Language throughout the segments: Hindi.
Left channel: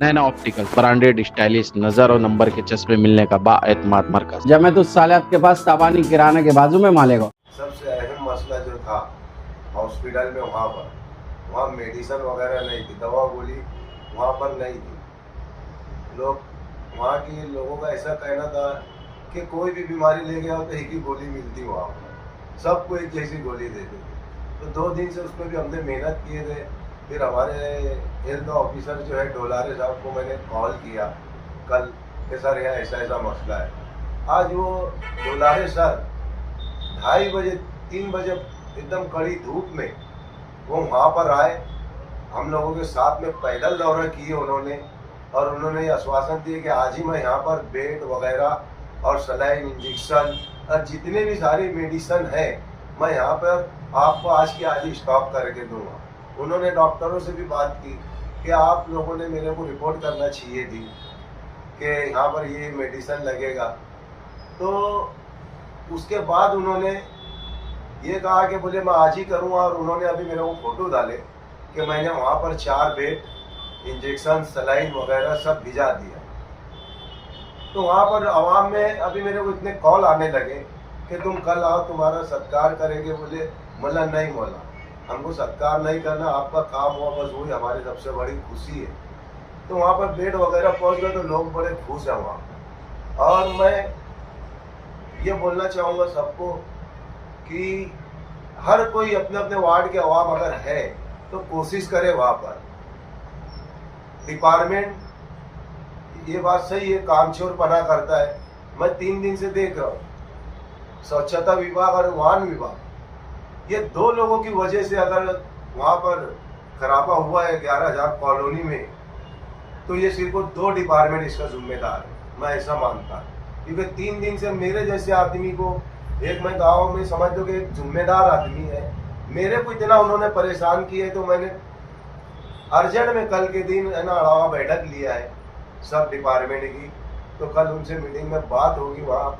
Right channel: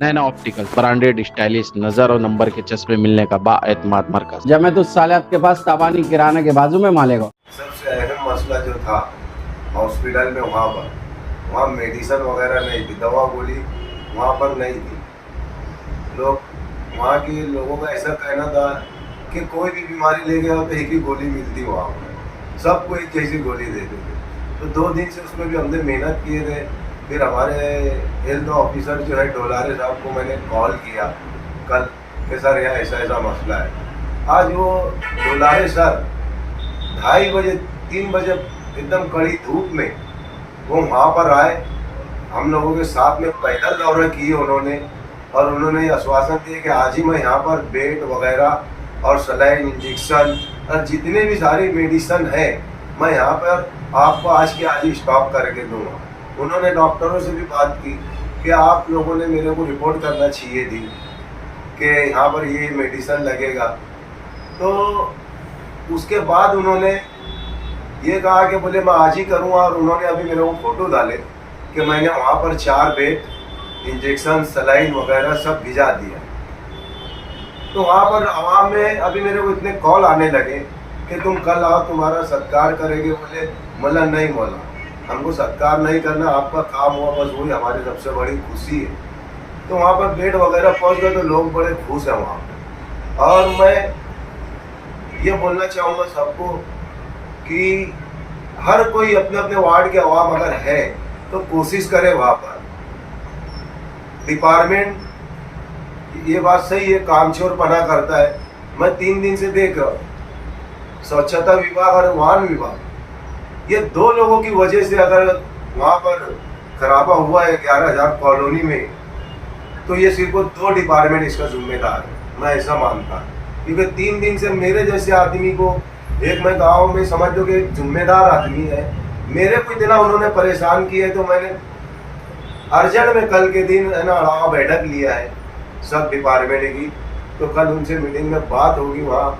नैना ऑप्टिकल्स, ब्रांडेड स्टाइलिश नजर और नंबर के चश्मे मिलने का बाएतमाद मरकज। जब मैं तो साले आपके पास ताबानी किराने के बाजू में मालेगा। सबसे अहम मसला जो था हॉस्पिटल में, वहाँ मेडिसिन वगैरह नहीं थी, दवा गोली वहाँ पर नहीं थी। वहाँ के लोगों का ऐसा कहना था कि कोई भी बीमारी ले गया हो तो एक ही गोली मिलती वहाँ पर, सबको एक जैसी गोली देते थे। तो 2 दिन से उसमें भी हमने मेहनत किए थे। फिर हमारे हेल्थ ऑफिसर जो है डोलारे साहब को मैंने कॉल किया कल कि सर यहाँ ऐसा ऐसा मसला है। आज वो डोलारे सर 2:30 बजे 3 बजे एकदम कड़ी धूप में वो वहाँ पर आए, हम लोगों के साथ में पैदल दौरा किए उन्होंने, और उन्होंने आश्वासन दिए कि आज ही मैं यहाँ पर बेड वगैरह और सलाइन इंजेक्शन और जितने भी सारी मेडिसिन है मैं यहाँ पर आपको आज के आज ही स्टॉप करके दूँगा। उन्होंने डॉक्टरों से भी बात की कि आप लोगों ने मेरे को रिपोर्ट करना चाहिए थी कि यहाँ पर ये मेडिसिन लगेगा। तो उसके बाद उन्होंने ये कहा कि बोले मैं आज ही करूँगा, और उन्होंने अभी मेरे को फ़ोटो डाले कि मैंने वहाँ पर 4 बेड, इंजेक्शन, सलाइन वगैरह सब भिजा दिया। तो वहाँ पर आवाम में अभी मेरे को इतने कॉल आने लगे कि तुम कल आओ, तुम्हारा सत्कार करेंगे। बोले मौला नहीं मौला, हमको सत्कार नहीं करना, आपका काम हुआ बस वही हमारी सबसे बड़ी खुशी है। तो वहाँ पर बेड वगैरह पहुँच गए तो लोग बड़े खुश हैं वहाँ पर। और मैं ये बोलना चाहूँगा सबको कि हर कोई अपने अपने वार्ड के अवाम अगर है तो कोशिश करे वहाँ पर। डिपार्टमेंट ये बात सही है, कामचोर पना करता है। मैं 3 दिन से देख रहा हूँ, स्वच्छता विभाग और वाहन विभाग, ये 2 लोगों की वजह से अगर वहाँ पर खराबा हुआ है 11,000 कॉलोनी में, तो ये सिर्फ 2 डिपार्टमेंट इसका जिम्मेदार है, मैं ऐसा मानता हूँ। क्योंकि 3 दिन से मेरे जैसे आदमी को, एक मैं गांव में समझ लो कि एक जिम्मेदार आदमी है, मेरे को इतना उन्होंने परेशान किया है। तो मैंने अर्जेंट में कल के दिन है ना अड़ावा बैठक लिया है सब डिपार्टमेंट की। तो कल उनसे मीटिंग में बात होगी। वहाँ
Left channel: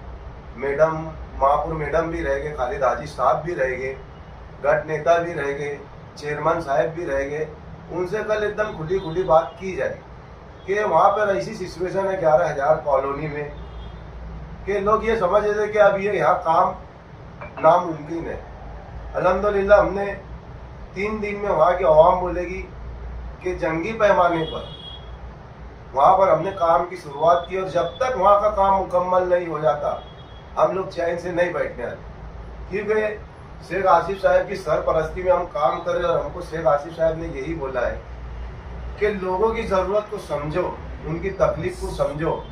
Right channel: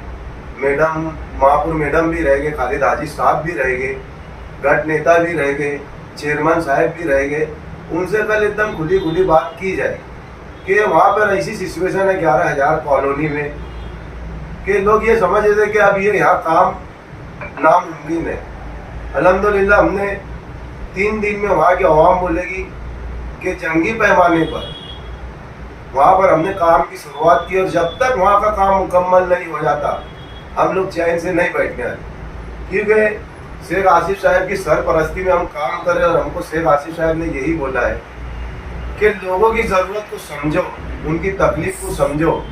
मैडम महापुर मैडम भी रह गए, खालिद हाजी साहब भी रह गए, गट नेता भी रह गए, चेयरमैन साहब भी रह गए। उनसे कल एकदम खुली बात की जाए कि वहाँ पर ऐसी सिचुएशन है 11,000 कॉलोनी में कि लोग ये समझ रहे थे कि अब ये यहाँ काम नामुमकिन है। अल्हम्दुलिल्लाह हमने 3 दिन में वहाँ की आवाम बोलेगी कि जंगी पैमाने पर वहाँ पर हमने काम की शुरुआत की, और जब तक वहाँ का काम मुकम्मल नहीं हो जाता हम लोग चैन से नहीं बैठने वाले। क्योंकि शेख आसिफ साहब की सरपरस्ती में हम काम कर रहे हैं, और हमको शेख आसिफ साहब ने यही बोला है कि लोगों की ज़रूरत को समझो, उनकी तकलीफ को समझो।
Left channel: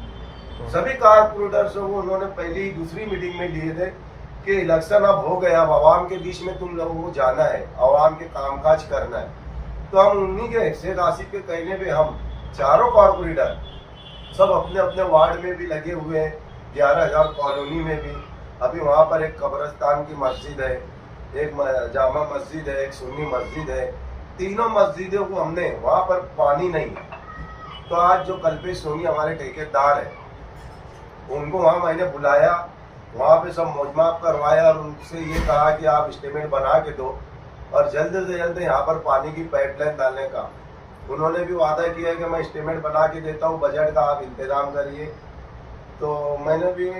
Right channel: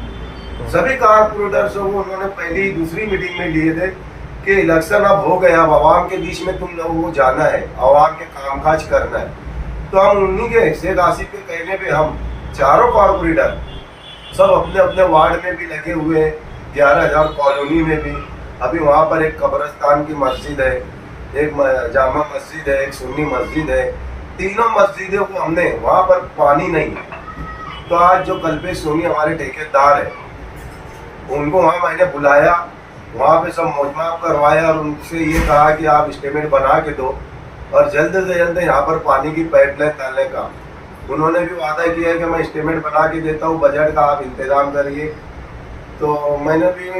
सभी कारपोरेटर्स को उन्होंने पहली दूसरी मीटिंग में लिए थे कि इलेक्शन अब हो गया, अब आवाम के बीच में तुम लोगों को जाना है, आवाम के कामकाज करना है। तो हम उन्हीं के शेख आसिफ के कहने पे हम चारों कारपोरेटर सब अपने अपने वार्ड में भी लगे हुए हैं, 11,000 कॉलोनी में भी। अभी वहाँ पर एक कब्रिस्तान की मस्जिद है, एक जामा मस्जिद है, एक सुन्नी मस्जिद है। तीनों मस्जिदों को हमने, वहाँ पर पानी नहीं है, तो आज जो कल्पेश सोनी हमारे ठेकेदार है उनको वहाँ मैंने बुलाया, वहाँ पे सब मौजमाप करवाया और उनसे ये कहा कि आप स्टेटमेंट बना के दो और जल्द से जल्द यहाँ पर पानी की पाइपलाइन डालने का। उन्होंने भी वादा किया है कि मैं स्टेटमेंट बना के देता हूँ, बजट का आप इंतज़ाम करिए। तो मैंने भी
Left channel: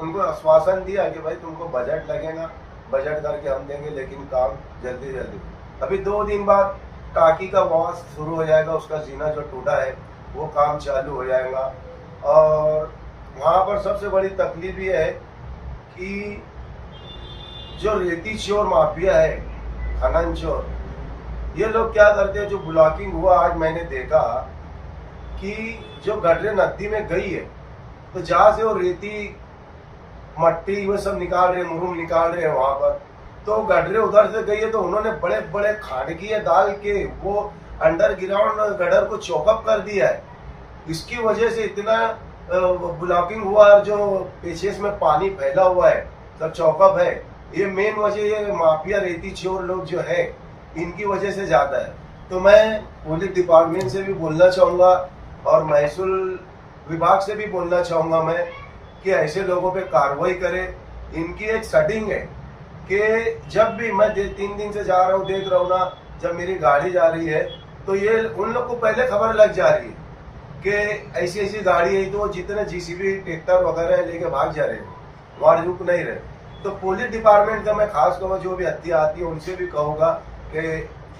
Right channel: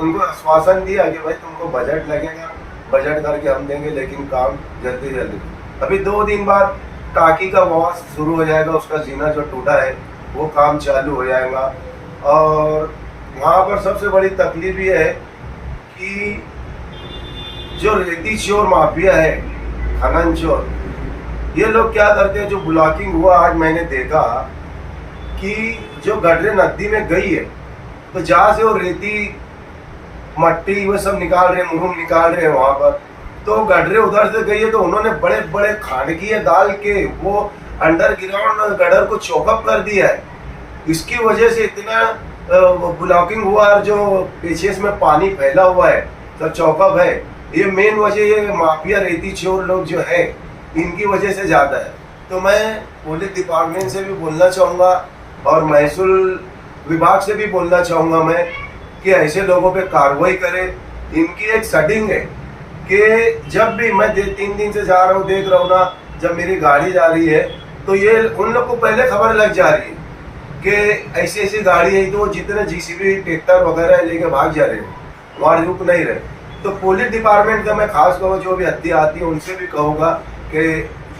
उनको आश्वासन दिया कि भाई तुमको बजट लगेगा, बजट करके हम देंगे, लेकिन काम जल्दी जल्दी। अभी 2 दिन बाद टाकी का वॉश शुरू हो जाएगा, उसका जीना जो टूटा है वो काम चालू हो जाएगा। और वहाँ पर सबसे बड़ी तकलीफ ये है कि जो रेती चोर माफिया है, खनन चोर, ये लोग क्या करते हैं, जो ब्लॉकिंग हुआ आज मैंने देखा कि जो गडरे नदी में गई है, तो जहाँ से वो रेती मट्टी वो सब निकाल रहे हैं, मुरुम निकाल रहे हैं वहाँ पर, तो गडरे उधर से गई है, तो उन्होंने बड़े बड़े खानगिए डाल के वो अंडरग्राउंड गडर को चौकअप कर दिया है। इसकी वजह से इतना ब्लॉकिंग हुआ, और जो पीछे में पानी फैला हुआ है सब चौकअप है। ये मेन वजह ये माफिया रेती चोर लोग जो है इनकी वजह से ज़्यादा है। तो मैं पुलिस डिपार्टमेंट से भी बोलना चाहूँगा और महसूल विभाग से भी बोलना चाहूँगा मैं कि ऐसे लोगों पे कार्रवाई करें। इनकी एक सेटिंग है कि जब भी मैं 3 दिन से जा रहा हूँ, देख रहा हूँ ना, जब मेरी गाड़ी जा रही है तो ये उन लोग को पहले खबर लग जा रही है कि ऐसी ऐसी गाड़ी है तो जितने जीसीबी ट्रैक्टर वगैरह लेके भाग जा रहे हैं, वहाँ रुक नहीं रहे। तो पुलिस डिपार्टमेंट का मैं खास कहूँ, जो भी हत्या आती है उनसे भी कहूँगा कि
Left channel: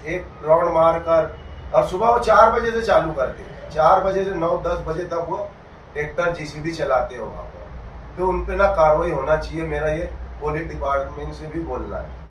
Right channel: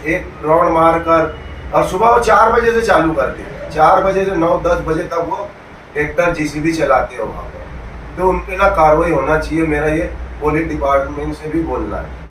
एक राउंड मार कर, और सुबह वो 4 बजे से चालू करते हैं, 4 बजे से 9-10 बजे तक वो ट्रैक्टर जीसीबी चलाते हैं वहाँ पर। तो उन पे ना कार्रवाई होना चाहिए, मेरा ये पुलिस डिपार्टमेंट से भी बोलना है।